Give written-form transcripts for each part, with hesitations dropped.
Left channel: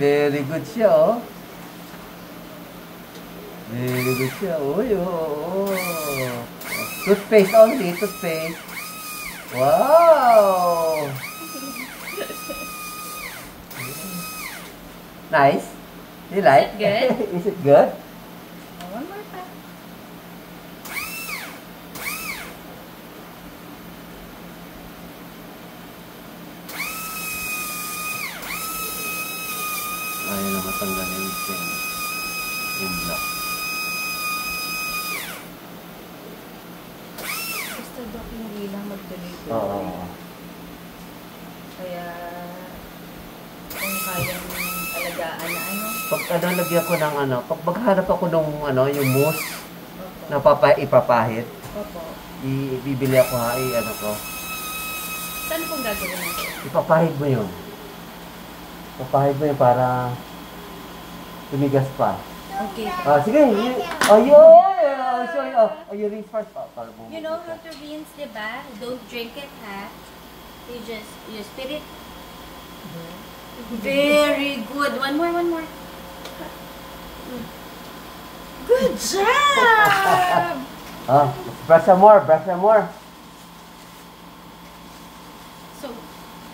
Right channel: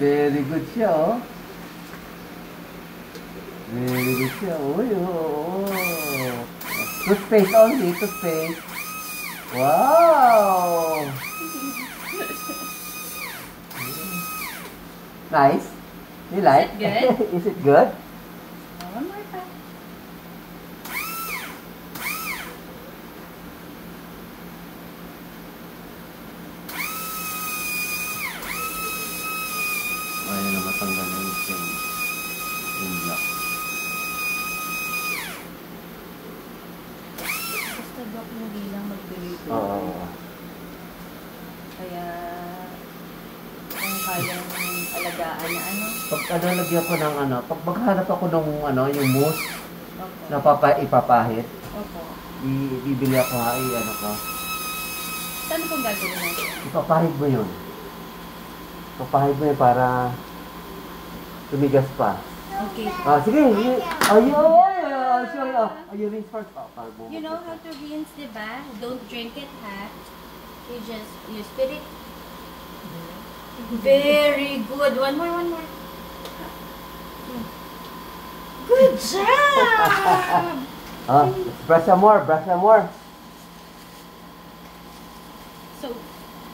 Very good siya, oh. Very good siya. Uy, oh. Toothpaste only, toothpaste. Wow! Nice. You like? Is it good? Is it good? One more time. Ayaw na matanggal na yung block. Basta Doc, hindi lang magtuloy-tuloy. Oo. Kaya, kung kayang alagaan na ano. Pag lagyan ko ng pag maghanap ako ng yung mousse Opo. na ipapahid, Opo. bibili ako ko. Saan pong gagawin natin? Ipapahid mo yun. Ipapahid mo yun para tumigas pa. Okay. Sige. Ayun! Show you. You rinse first. You know how to rinse, diba? Don't drink it, ha? You spit it. Very good. One more. Good job! Brush some more. So,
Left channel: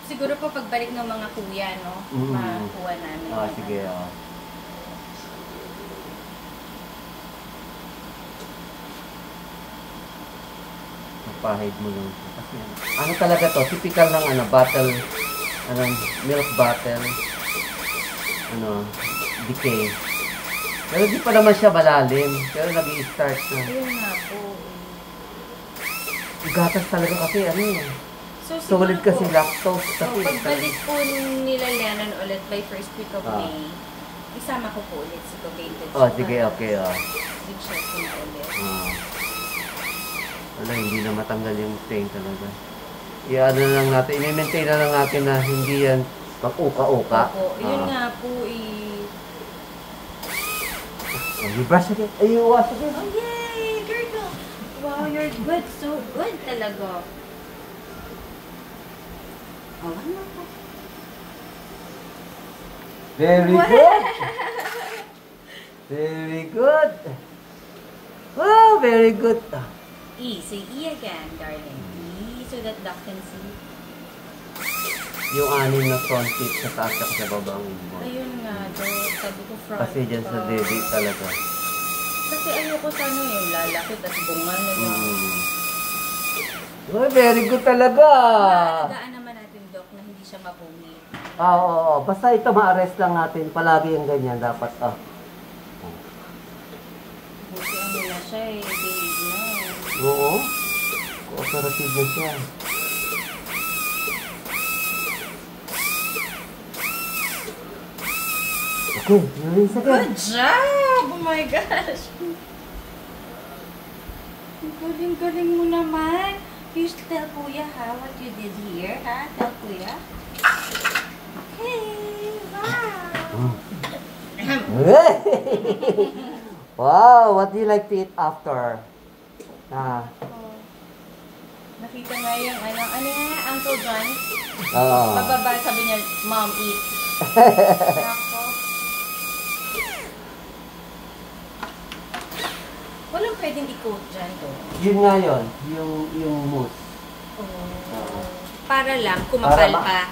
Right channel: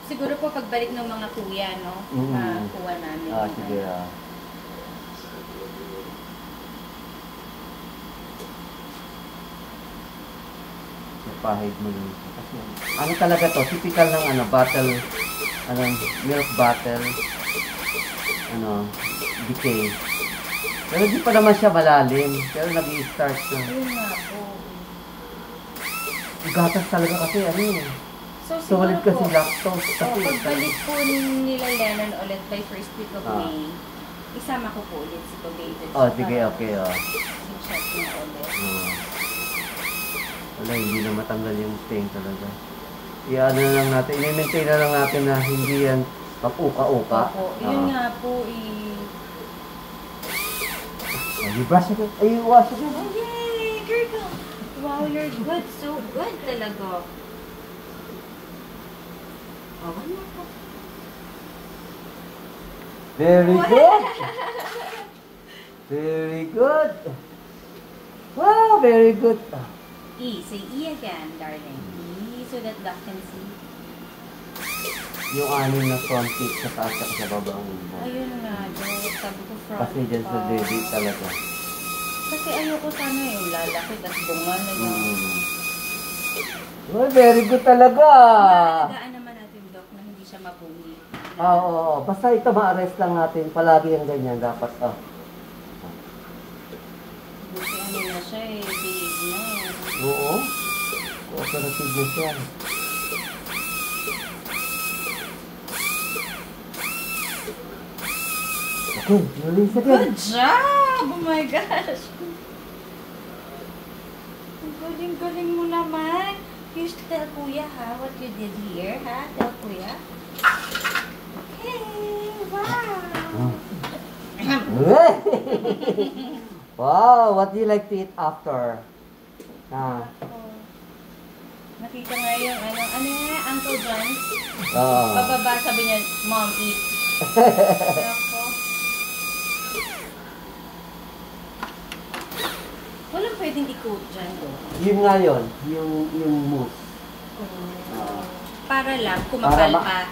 siguro po pagbalik ng mga kuya, no? Makuha namin. Sige. Pahid mo yun. Kasi talaga to, typical ng bottle, milk bottle, decay. Pero di pa naman siya malalim, pero nag-i-start na. Ayun nga po. Gatas talaga kasi So, solid kasi lactose kasi. Pagbalik po nila Lennon ulit by first week of May, isama ko po ulit si Potato. Sige, okay. I-check niya ulit. Wala, hindi na matanggal yung stain talaga. I-ano na lang natin, i-maintain na lang natin na hindi yan kapuka-uka. Opo, yun nga po You brush again. You wash again. Oh, yay! Turtle! Wow, you're good. So good talaga. One more po. Very good. Very good. Wow, very good. Say E again, darling. E, so that Doc can see. Yung anim na front tip sa taas at sa baba ang Ayun nga, Doc. Sabi ko front. Kasi dyan sa dede talaga. Kasi ayoko sana yung lalakit at bunga na lang. Oh, very good talaga. Alagaan naman natin, Doc, na hindi siya mapumi. Oo. Basta ito ma-arrest lang natin. Palagi yung ganyan dapat. Buti na siya big na. Oo. Operative na siya. Okay, release again. Good job! Oh my gosh! Galing mo naman. You should tell Kuya, what you did here, ha? Tell Kuya. Okay, wow! Wow, what do you like to eat after? Nakita nga yung ano nga, Uncle John? Oo. Bababa, sabi niya, Mom, eat. Ako. Walang pwedeng i-coat dyan, Yun nga yun, yung mousse. Para lang, kumakal pa.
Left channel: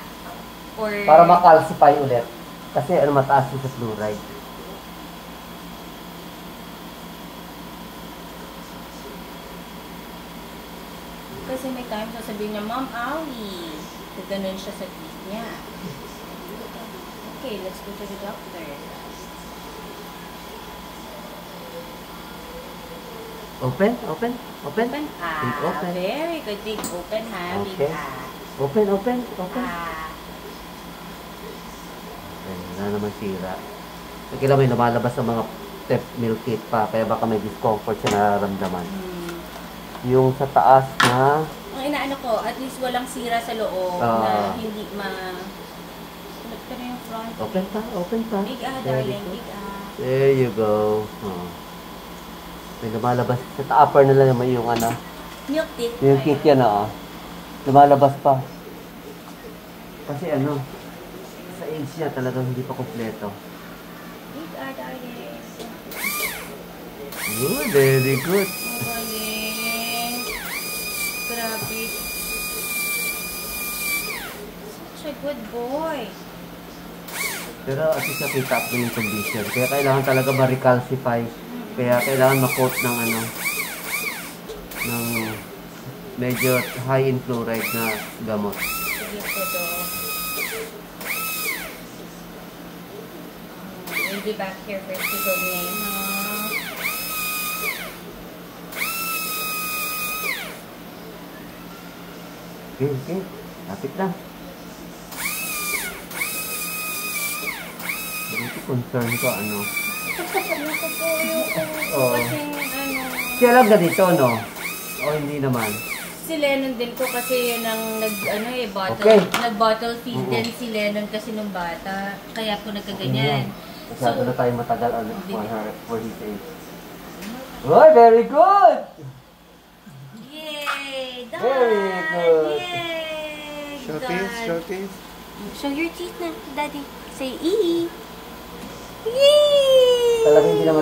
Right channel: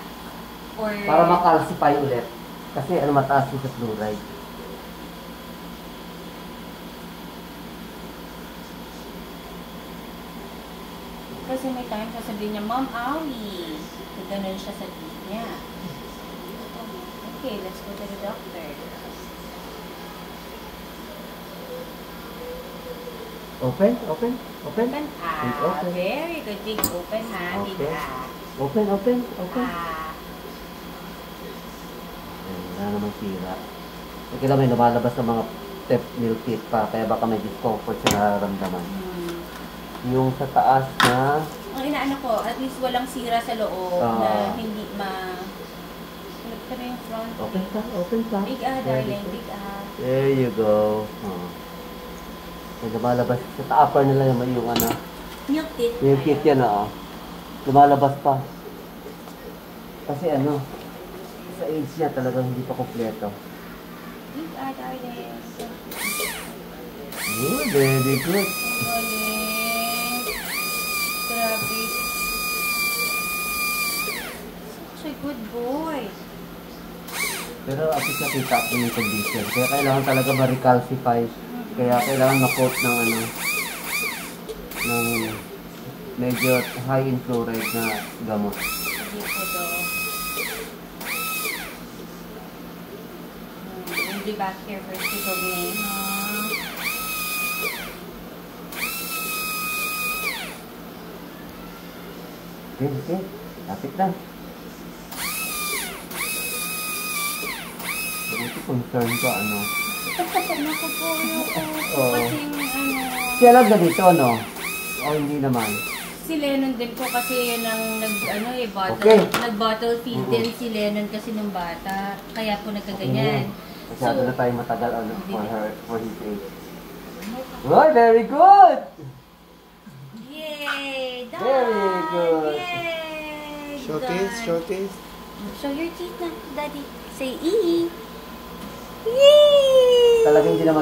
Or... Para makalsify ulit. Kasi mataas yung sa fluoride. Kasi may time sasabihin niya, Mom, owie. Gaganon siya sa teeth niya. Okay, let's go to the doctor. Open. Open. Open. Very good. Big open, ha? Okay. Big Open. Wala naman sira. Kailangan may lumalabas sa mga milk teeth pa, kaya baka may discomfort sa nararamdaman. Yung sa taas na... Ang inaano ko, at least walang sira sa loob na hindi Tulad ka na yung front. Open pa. Big darling. Big There you go. May lumalabas. Sa upper na lang naman yung milk teeth. Milk teeth yan, Lumalabas pa. Kasi Sa age niya talagang hindi pa kompleto. Big Darling. Very good. Oh, yeah. Grabe. Such a good boy. Pero at least nakita ko yung condition. Kaya kailangan talaga ma-recalcify. Kaya kailangan ma-coat ng ng medyo high in fluoride na gamot. Sige po do. We'll be back here for Sigog na yun. Okay, okay. Lapit lang. Ito concern ko, ano. Naku po, ayoko. Oo. Kasing Siya lang ganito, no? O hindi naman. si Lennon din po kasi yun ang bottle, Okay. nag-bottle feed din si Lennon kasi nung bata. Kaya po nagkaganyan. Masyado na tayo matagal, ano, for his age. Oh, very good! Yay! Done! Very good. Yay! Show Done. teeth, show teeth. Show your teeth na, Daddy. Say E. Yay! Talagang hindi naman